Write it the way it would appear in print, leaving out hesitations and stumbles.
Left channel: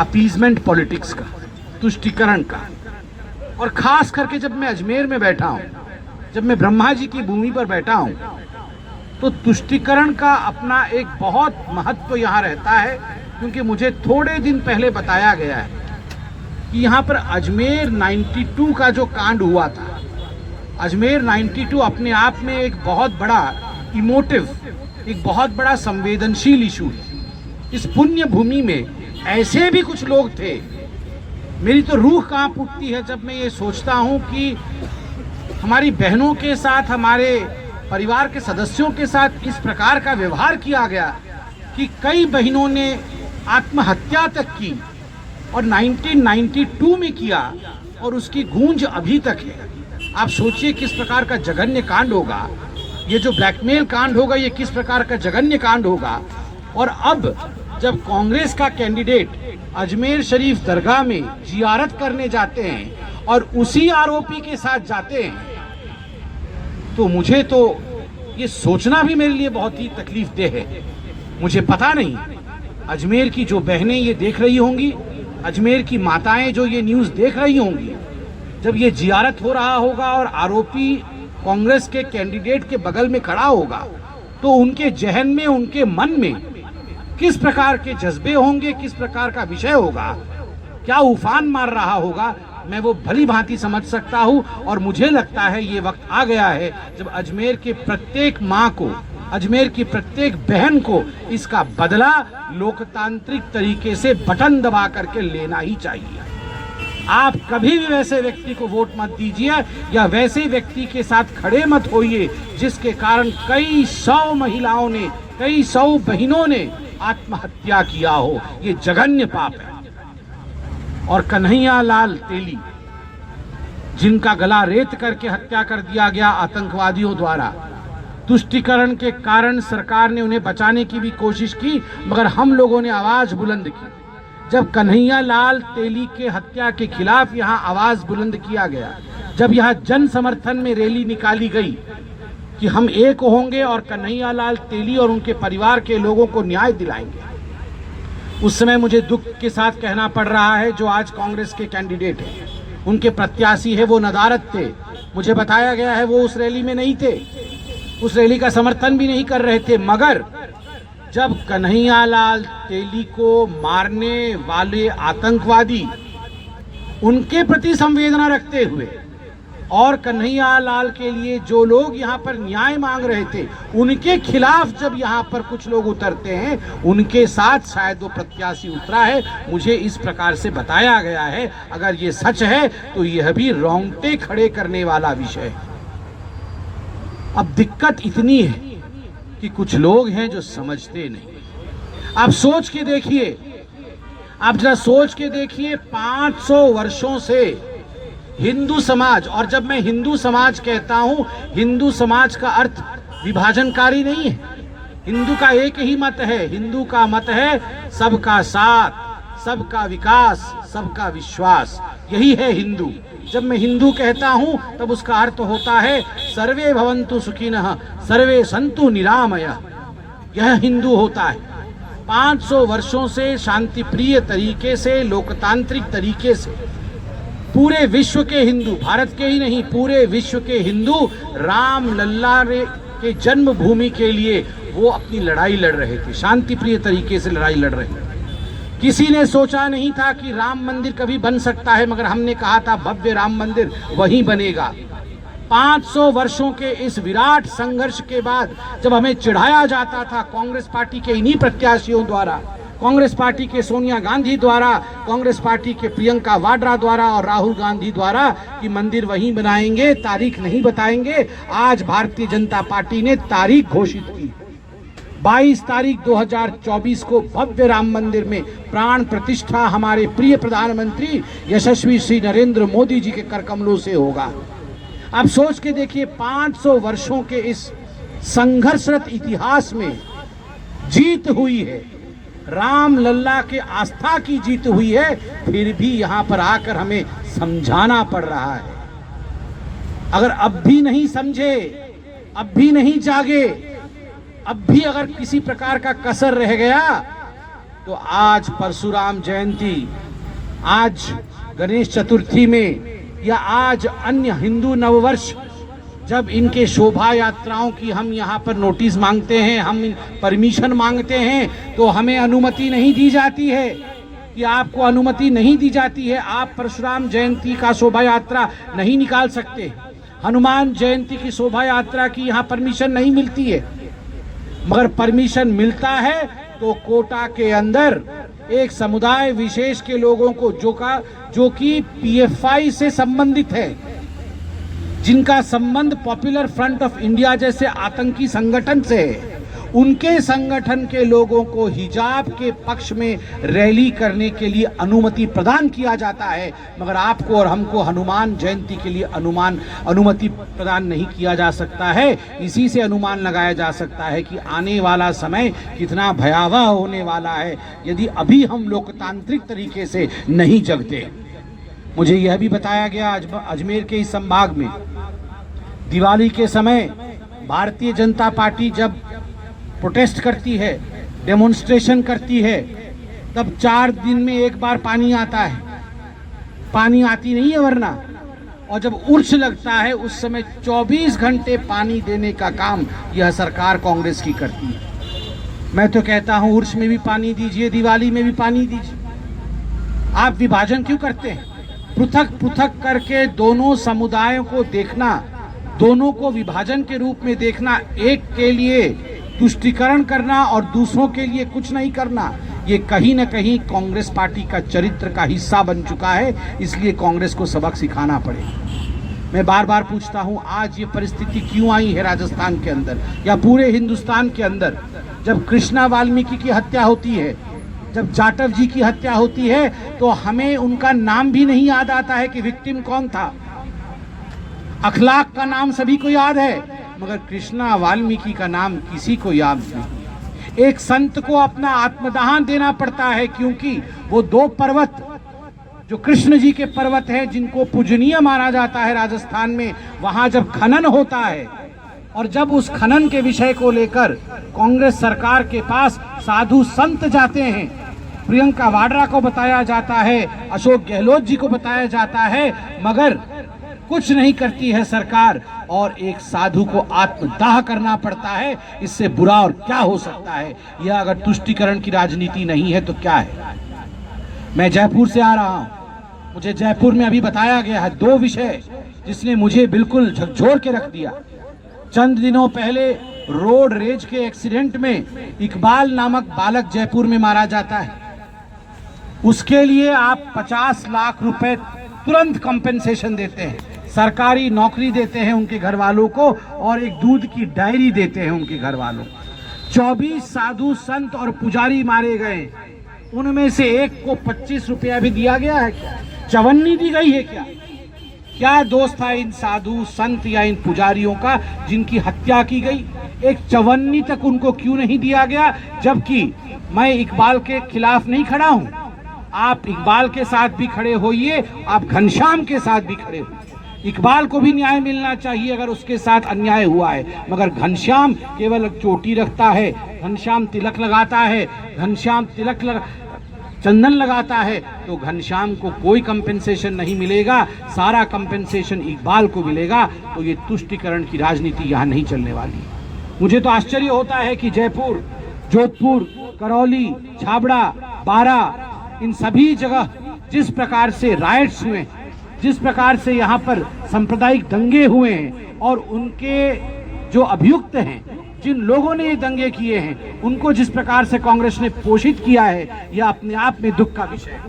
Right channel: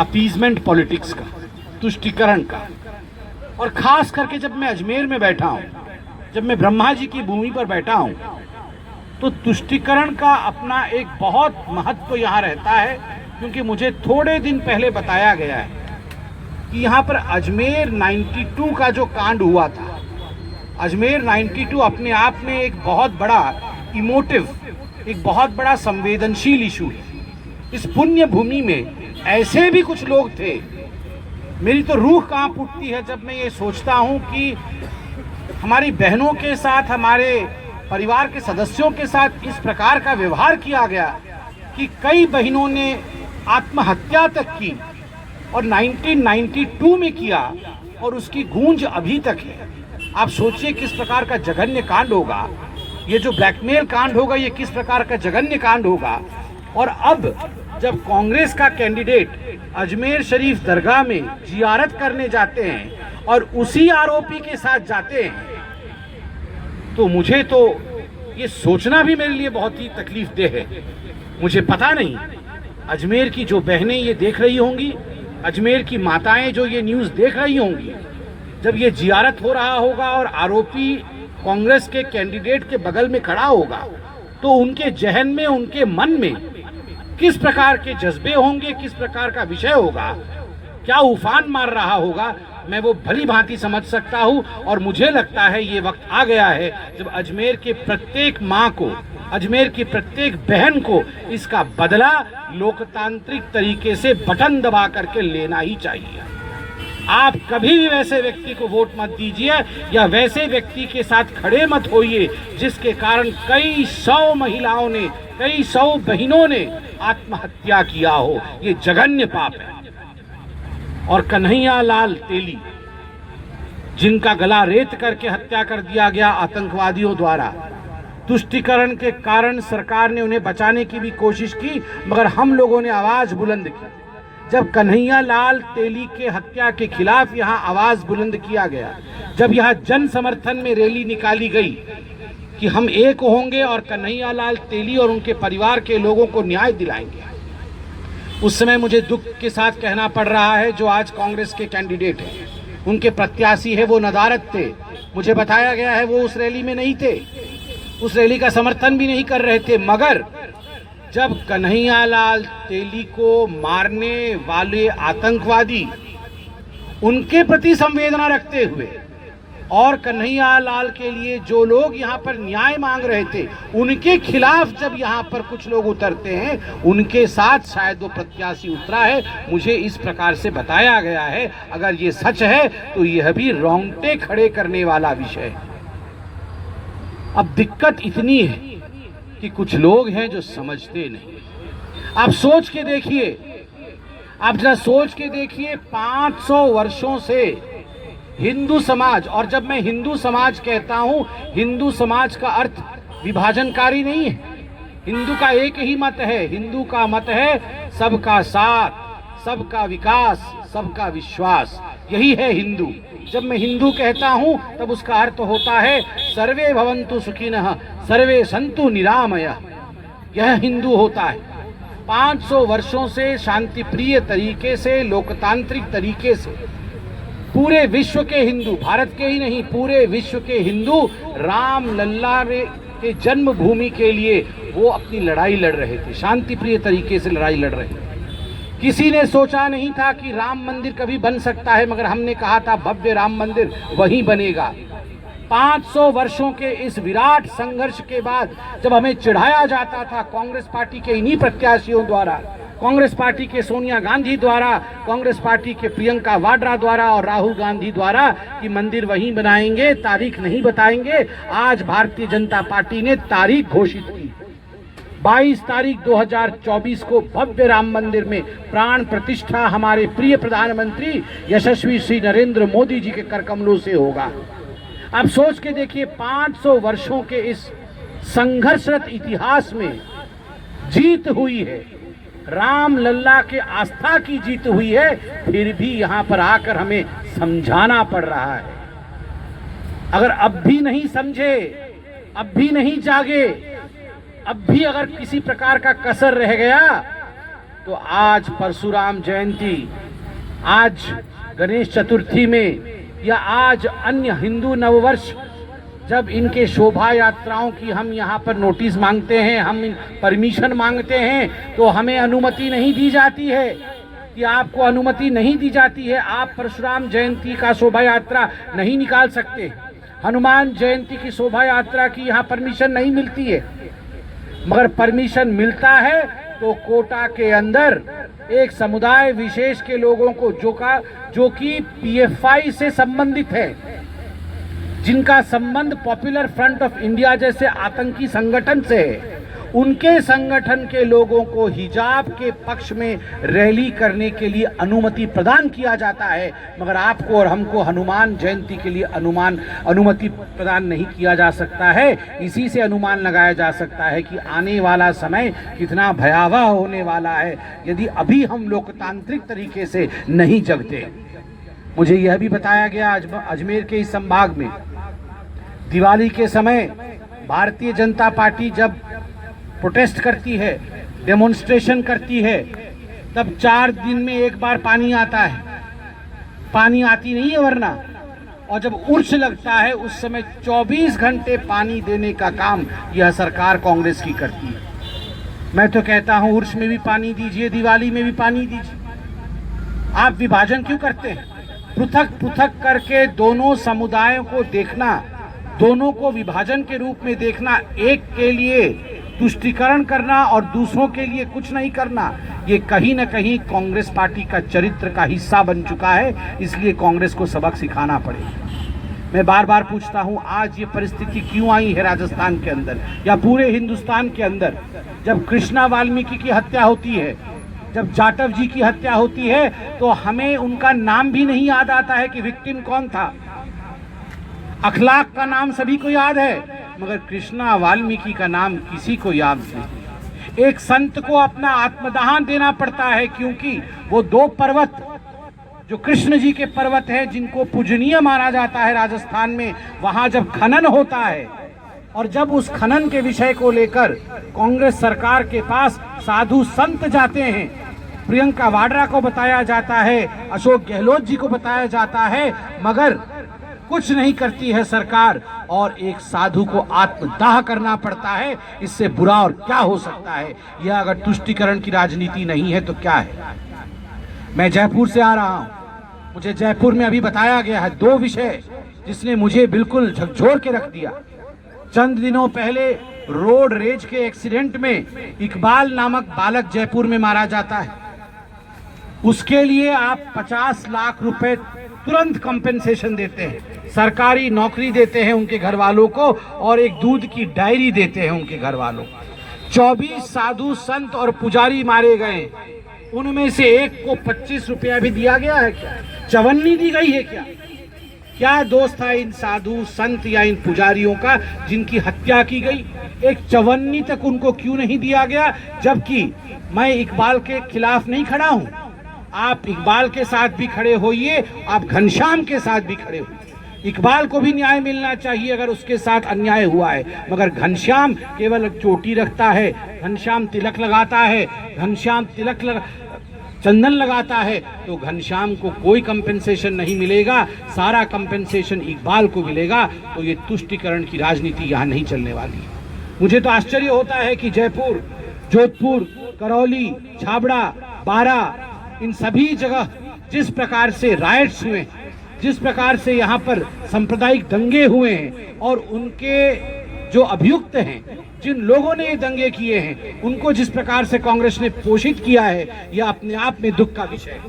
Appeasement politics का, तुष्टिकरण का। और खास करके जब मैं अजमेर में बैठा हूँ, जब मैं ब्रह्मा जी की भूमि पर बैठा हूँ, तो तुष्टिकरण का अपना एक बहुत महत्व यहाँ रहता है, क्योंकि मुझे थोड़े दिन पहले बताया गया है कि यहाँ पर अजमेर 92 का जो कांड हुआ था, अजमेर 92 अपने आप में एक बहुत बड़ा इमोटिव, एक बहुत बड़ा संवेदनशील इशू है। इस पुण्य भूमि में ऐसे भी कुछ लोग थे, मेरी तो रूह कांप उठती है जब मैं ये सोचता हूँ कि हमारी बहनों के साथ, हमारे परिवार के सदस्यों के साथ इस प्रकार का व्यवहार किया गया कि कई बहनों ने आत्महत्या तक की, और 1992 में किया, और उसकी गूंज अभी तक है। आप सोचिए किस प्रकार का जघन्य कांड होगा, ये जो ब्लैकमेल कांड होगा, ये किस प्रकार का जघन्य कांड होगा। और अब जब कांग्रेस का कैंडिडेट अजमेर शरीफ दरगाह में जियारत करने जाते हैं और उसी आरोपी के साथ जाते हैं, तो मुझे तो ये सोचना भी मेरे लिए बहुत ही तकलीफदेह है। मुझे पता नहीं अजमेर की जो बहनें ये देख रही होंगी, अजमेर की माताएं जो ये न्यूज़ देख रही होंगी, जब ये जियारत हो रहा होगा और आरोपी कांग्रेस के कैंडिडेट के बगल में खड़ा होगा, तो उनके जहन में, उनके मन में किस प्रकार के जज्बे होंगे, किस प्रकार का विषय होगा, क्या उफान मार रहा होगा, मैं वो भली भांति समझ सकता हूँ। और मुझे लगता है ये वक्त आ गया है जब अजमेर के प्रत्येक माँ को, अजमेर की प्रत्येक बहन को इसका बदला लोकतांत्रिक तरीके से बटन दबा करके लेना ही चाहिए। आप कभी भी वैसे व्यक्ति को वोट मत दीजिए, या वैसे व्यक्ति के साथ खड़े मत होइए जिसके कारण कई सौ महिलाओं ने, कई सौ बहनों ने आत्महत्या किया हो। ये जघन्य पाप है। और कन्हैया लाल तेली, जिनका गला रेत करके हत्या कर दिया गया आतंकवादियों द्वारा, तुष्टिकरण के कारण सरकार ने उन्हें बचाने की भी कोशिश की, मगर हम लोगों ने आवाज बुलंद की। जब कन्हैया लाल तेली के हत्या के खिलाफ यहाँ आवाज बुलंद किया गया, जब यहाँ जन समर्थन में रैली निकाली गई कि हम एक होंगे और कन्हैया लाल तेली और उनके परिवार के लोगों को न्याय दिलाएंगे, उस समय मुझे दुख के साथ कहना पड़ रहा है जो आज कांग्रेस के कैंडिडेट हैं, उनके प्रत्याशी है, वो नदारद थे। मुझे बताया गया है वो उस रैली में नहीं थे, उस रैली का समर्थन भी नहीं कर रहे थे। मगर जब कन्हैया लाल तेली को मारने वाले आतंकवादी उनके प्रति संवेदना रखते हुए, और कन्हैया लाल के लिए जो लोग यहाँ पर न्याय मांग रहे थे, उनके खिलाफ जब यहाँ पर कुछ लोग उतरते हैं, उनके साथ शायद वो प्रत्याशी उतरा है। मुझे इस प्रकार से बताया गया है। अगर ये सच है तो यह भी रोंगटे खड़े करने वाला विषय है। अब दिक्कत इतनी है कि कुछ लोग हैं जो समझते नहीं। आप सोच के देखिए, आप जरा सोच के देखिए, 500 वर्षों से हिंदू समाज, और जब मैं हिंदू समाज कहता हूं, हिंदू समाज का अर्थ विभाजनकारी नहीं है। हिंदू का एक ही मत है, हिंदू का मत है सबका साथ, सबका विकास, सबका विश्वास, यही है हिंदू। जब मैं हिंदू कहता हूं तब उसका अर्थ होता है सर्वे भवन्तु सुखिनः, सर्वे सन्तु निरामयः। यह हिंदू होता है। 500 वर्षों से शांति प्रिय तरीके से, लोकतांत्रिक तरीके से पूरे विश्व के हिंदू, भारत के ही नहीं, पूरे विश्व के हिंदू राम लल्ला के जन्मभूमि के लिए वो अपनी लड़ाई लड़ रहे थे, शांति प्रिय तरीके से लड़ाई लड़ रहे थे। किसी ने सोचा नहीं था कि राम मंदिर कभी बन सकता है, मगर हमने कहा था भव्य राम मंदिर वहीं बनेगा। 500 वर्षों के इस विराट संघर्ष के बाद जब हमें चिढ़ाया जाता था कांग्रेस पार्टी के इन्हीं प्रत्याशियों द्वारा, कांग्रेस पार्टी के सोनिया गांधी द्वारा, कांग्रेस पार्टी के प्रियंका वाड्रा द्वारा और राहुल गांधी द्वारा कि मंदिर वहीं बनाएंगे, तारीख नहीं बताएंगे, आज भारतीय जनता पार्टी ने तारीख घोषित की। 22 तारीख 2024 को भव्य राम मंदिर में प्राण प्रतिष्ठा हमारे प्रिय प्रधानमंत्री यशस्वी श्री नरेंद्र मोदी जी के करकमलों से होगा। आप सोच के देखिए, 500 वर्षों के इस संघर्षरत इतिहास में जीत हुई है, राम लल्ला के आस्था की जीत हुई है, फिर भी यहाँ पर आकर हमें समझाना पड़ रहा है। अगर अब भी नहीं समझे, अब भी नहीं जागे, अब भी अगर किसी प्रकार का कसर रह गया, तो आज परशुराम जयंती, आज गणेश चतुर्थी में या आज अन्य हिंदू नववर्ष जब इनके शोभा यात्राओं की हम यहाँ पर नोटिस मांगते हैं, हम परमिशन मांगते हैं, तो हमें अनुमति नहीं दी जाती है। कि आपको अनुमति नहीं दी जाती है, आप परशुराम जयंती का शोभा यात्रा नहीं निकाल सकते, हनुमान जयंती की शोभा यात्रा की यहाँ परमिशन नहीं मिलती है। मगर परमिशन मिलता है तो कोटा के अंदर एक समुदाय विशेष के लोगों को जो कि पीएफआई से संबंधित है, जिनका संबंध पॉपुलर फ्रंट ऑफ इंडिया जैसे आतंकी संगठन से है, उनके संगठन के लोगों को हिजाब के पक्ष में रैली करने के लिए अनुमति प्रदान किया जाता है। मगर आपको और हमको हनुमान जयंती के लिए अनुमति प्रदान नहीं किया जा सकता है। इसी से अनुमान लगाया जा सकता है कि आने वाला समय कितना भयावह होने वाला है यदि अभी हम लोकतांत्रिक तरीके से नहीं जगते। मुझे यह भी बताया गया अजमेर के इस संभाग में दिवाली के समय भारतीय जनता पार्टी जब प्रोटेस्ट करती है, डेमोन्स्ट्रेशन करती है, तब 4 दिन में एक बार पानी आता है, पानी आती नहीं है वरना, और जब उर्स लगता है उस समय 24 घंटे पानी देने का काम यह सरकार कांग्रेस की करती है। मैं तो कहता हूं उर्स में भी पानी दीजिए, दिवाली में भी पानी दीजिए। आप विभाजन क्यों करते हैं? पृथक पृथक करके दोनों समुदायों को देखना, दोनों को विभाजन के रूप में देखना, एक के लिए तुष्टीकरण करना और दूसरों के लिए कुछ नहीं करना, ये कहीं न कहीं कांग्रेस पार्टी का चरित्र का हिस्सा बन चुका है। इसलिए कांग्रेस को सबक सिखाना पड़ेगा। मैं बार बार पूछता हूं, आज ये परिस्थिति क्यों आई है राजस्थान के अंदर या पूरे हिंदुस्तान के अंदर? जब कृष्णा वाल्मीकि की हत्या होती है, जब जाटव जी की हत्या होती है, तो हमें उनका नाम भी नहीं याद आता है कि विक्टिम कौन था। अखलाक का नाम सभी को याद है, मगर कृष्णा वाल्मीकि का नाम किसी को याद नहीं। एक संत को अपना आत्मदान देना पड़ता है, क्योंकि वो 2 पर्वत जो कृष्ण जी के पर्वत हैं, जिनको पूजनीय माना जाता है राजस्थान में, वहां जब खनन होता है और जब उस खनन के विषय को लेकर कांग्रेस सरकार के पास साधु संत जाते हैं, प्रियंका वाड्रा को बताया जाता है, अशोक गहलोत जी को बताया जाता है, मगर कुछ नहीं करती है सरकार और एक साधु को आत्मदाह करना पड़ता है। इससे बुरा और क्या हो सकता है? यह अगर तुष्टीकरण की राजनीति नहीं है तो क्या है? मैं जयपुर से आ रहा हूं, मुझे जयपुर में अभी बताया गया है 2 विषय जिसने मुझे बिल्कुल झकझोर के रख दिया। चंद दिनों पहले रोड रेज के एक्सीडेंट में इकबाल नामक बालक जयपुर में मारा जाता है। उसके लिए आप 50 लाख रुपए तुरंत कंपेंसेशन देते हैं, सरकारी नौकरी देते हैं उनके घर वालों को और एक दूध की डायरी देते हैं उनके घर वालों को। 24 साधु संत और पुजारी मारे गए, उनमें से एक को 25 रुपया भी दिया गया है क्या? चवन्नी दी गई है क्या? क्या दोष था इन साधु संत या इन पुजारियों का जिनकी हत्या की गई? एक चवन्नी तक उनको क्यों नहीं दिया गया? जबकि मैं इकबाल के खिलाफ नहीं खड़ा हूं, आप इकबाल के साथ भी खड़े होइए, आप घनश्याम के साथ भी खड़े होइए। इकबाल को भी न्याय मिलना चाहिए अगर उसके साथ अन्याय हुआ है, मगर घनश्याम केवल चोटी रखता है, घनश्याम तिलक लगाता है, घनश्याम चंदन लगाता है, तो घनश्याम को कोई कंपेंसेशन नहीं मिलेगा, सारा कंपेंसेशन इकबाल को मिलेगा। तो ये तुष्टीकरण की राजनीति यहाँ नहीं चलने वाली है। मुझे तो आश्चर्य होता है कि जयपुर, जोधपुर, करौली, छाबड़ा, बारा, इन सभी जगह जिस प्रकार से राइट्स हुए, जिस प्रकार से यहाँ पर सांप्रदायिक दंगे हुए हैं और उनके जो अभियुक्त हैं, जिन लोगों ने ये दंगे किए हैं, उनको जिस प्रकार से कांग्रेस ने पोषित किया है, यह अपने आप में दुख का विषय है।